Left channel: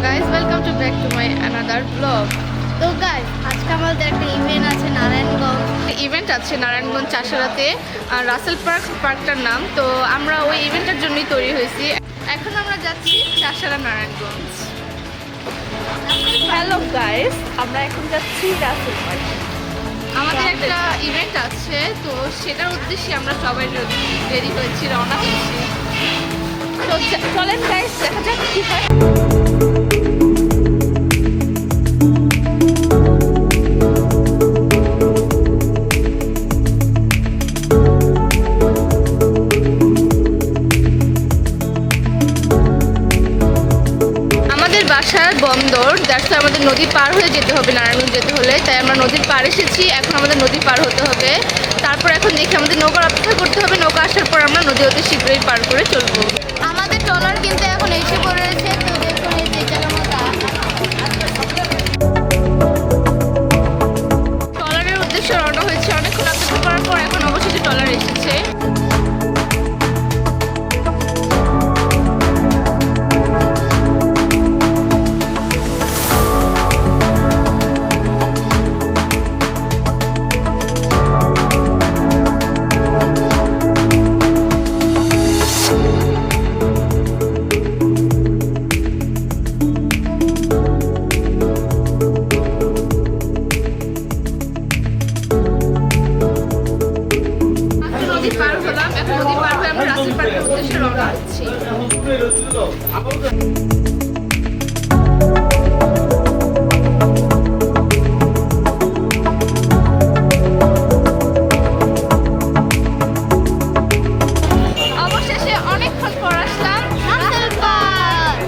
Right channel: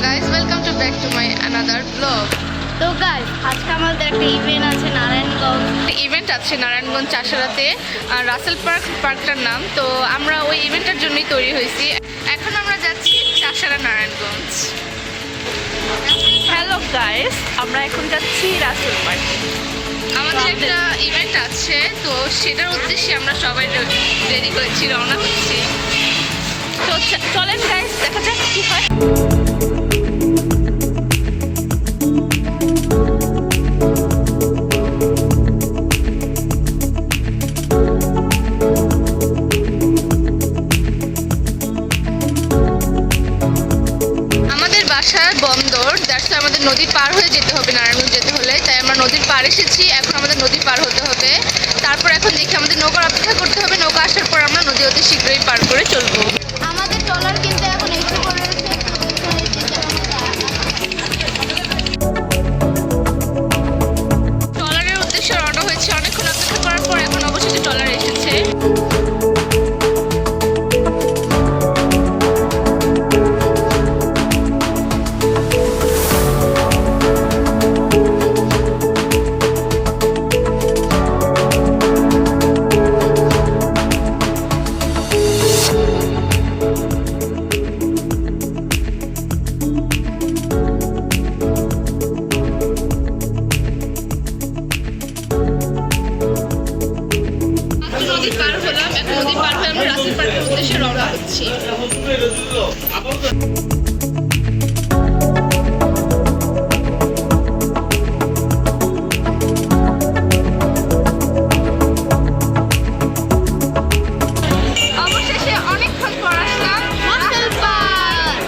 guys, welcome to back to my another vlog. তো guys আজকে আমাদের একটা ইভেন্ট আছে ইভেন্ট আছে নারায়ণগঞ্জ চাষারাতে রাসেল পার্কটার নাম। তো আমরা ওই ইভেন্টের জন্যই তৈরি হয়েছি। এখন আমরা যাচ্ছি চাষারা নারায়ণগঞ্জ। হ্যালো গাইস, আমরা এখন যাচ্ছি রাসেল পার্কে। আমাদের একটা ইভেন্ট আছে, তো সেটার উদ্দেশ্যে আমরা সবাই রেডি হয়েছি, রওনা হচ্ছি। তো চলেন গাইস, দেখা যাক কি হয়। বাসার বন্দর, দ্যাটস আমাদের নদী পার হয়ে যেতে হবে নারায়ণগঞ্জ যেতে হলে। তাই আমরা নদীর পার এসেছি, এখন আমাদের নদী পার হতে হবে। তারপর এখন দেখি আমাদের নৌকার অপেক্ষা করতে হবে। নৌকা আসার পর আমরা নদী অতি শীঘ্রই পার করে চলবো। আমাদের ট্রলার কিন্তু এখন এসে পড়েছে। তো দেখুন এই বেচারা মতো ট্রলারের উদ্দেশ্যে রওনা হয়েছে। অনেকক্ষণ অপেক্ষা করার পর এখন অবশেষে ট্রলার এসেছে। নদী পার হলাম, এখন নদী পার হয়ে আমরা রাসেল পার্কের উদ্দেশ্যে রওনা হচ্ছি। অবশেষে অনেকক্ষণ পর আসলাম রাসেল পার্ক।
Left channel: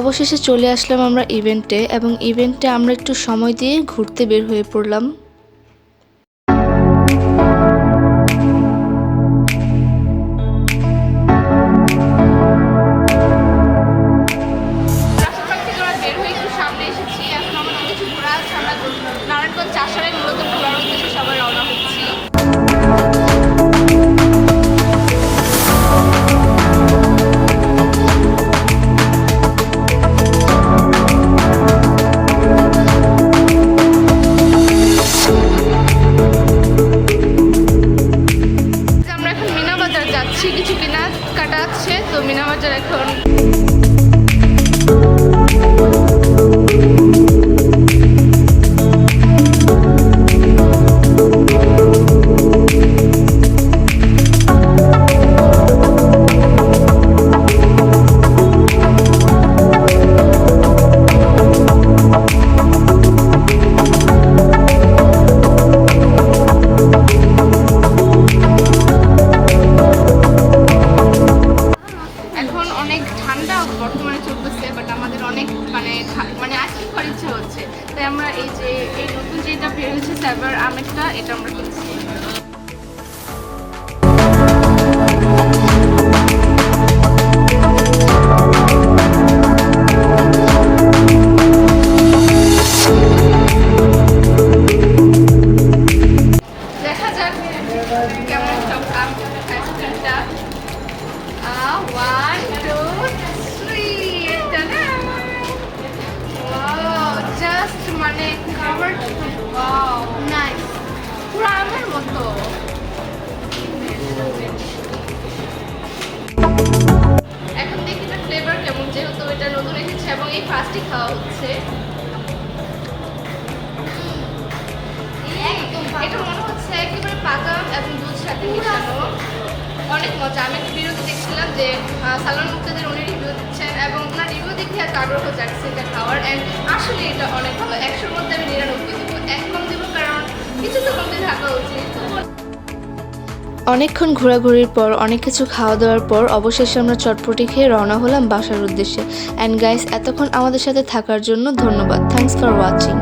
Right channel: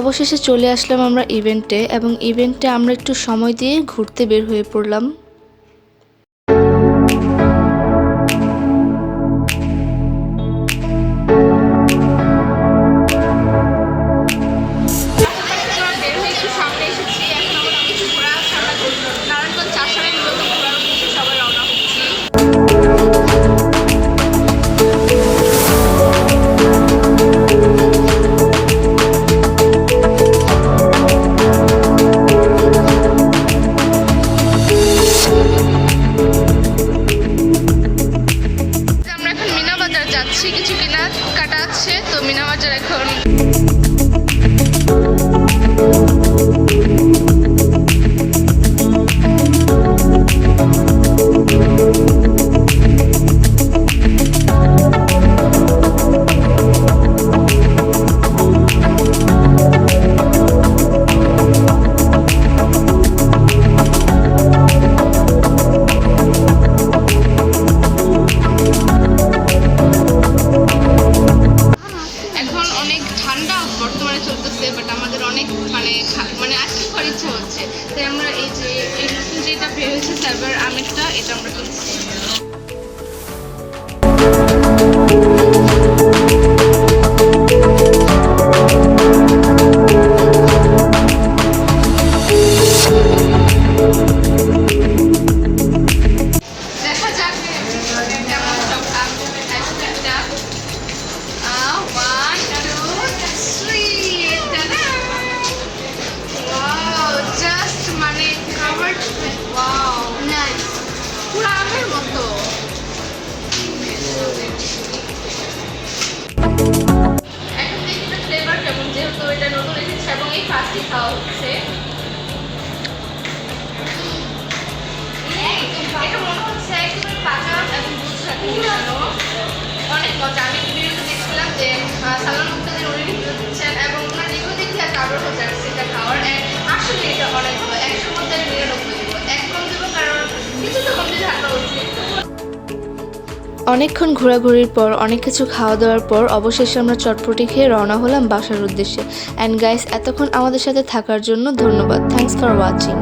অবশেষে চলে আসলাম আমরা ইভেন্টে, এবং ইভেন্টে আমরা একটু সময় দিয়ে ঘুরতে বের হয়ে পড়লাম। নারায়ণগঞ্জ চাষারাই মূলত ঘোরার উদ্দেশ্যে সবাই রওনা হচ্ছি। আমরা এখন মিনা বাজার যাচ্ছি, কিছু কেনাকাটা আছে। তো মিনা বাজার এখন ঠান্ডা বর্তমানে চলতেছে, বাট আমাদের অনেক মানে আইসক্রিম খাওয়ার ইচ্ছা হচ্ছে। তাই আমরা এই নতুন যেটা বের হয়েছে সাইবার আমেরটা, এটা আমরা কিনছি। দেখা যাক কেমন সব আইসক্রিমটা। 1, 2, 3. Wow, just মানে covered with wow, nice. পুরো আমের মতো। এখন দেখি এটা ফ্লেভার কেমন, যেহেতু এটা নতুন এসেছে এবং এই ফার্স্টই খাওয়া হচ্ছে। একদম এটা মনে হচ্ছে একেবারে পাকা এবং দুধ সাথে মিশানো। অনেক মজা। আমি রিভিউতে দেখছিলাম যে সালমান মুক্তাদির উনি রিভিউ দিচ্ছেন এবং ওনার রিভিউ দেখে একটা আগ্রহ জাগছে এটা খাওয়ার। অ্যান্ড আসলে এটা অনেক ভালো। 100-র মধ্যে আমি 99 দেবো। 1 কম দেবো, কারণ কিছু তো কমতে থাকা উচিত। অনেকক্ষণ ঘোরাঘুরির পর, অনেক কিছু খাওয়া দাওয়ার পর অবশেষে আমরা চটপটি খেয়ে রওনা হলাম বাসার উদ্দেশ্যে। অ্যান্ড গাইস, এতক্ষণ আমাদের সাথে থাকার জন্য ধন্যবাদ। Thanks for watching.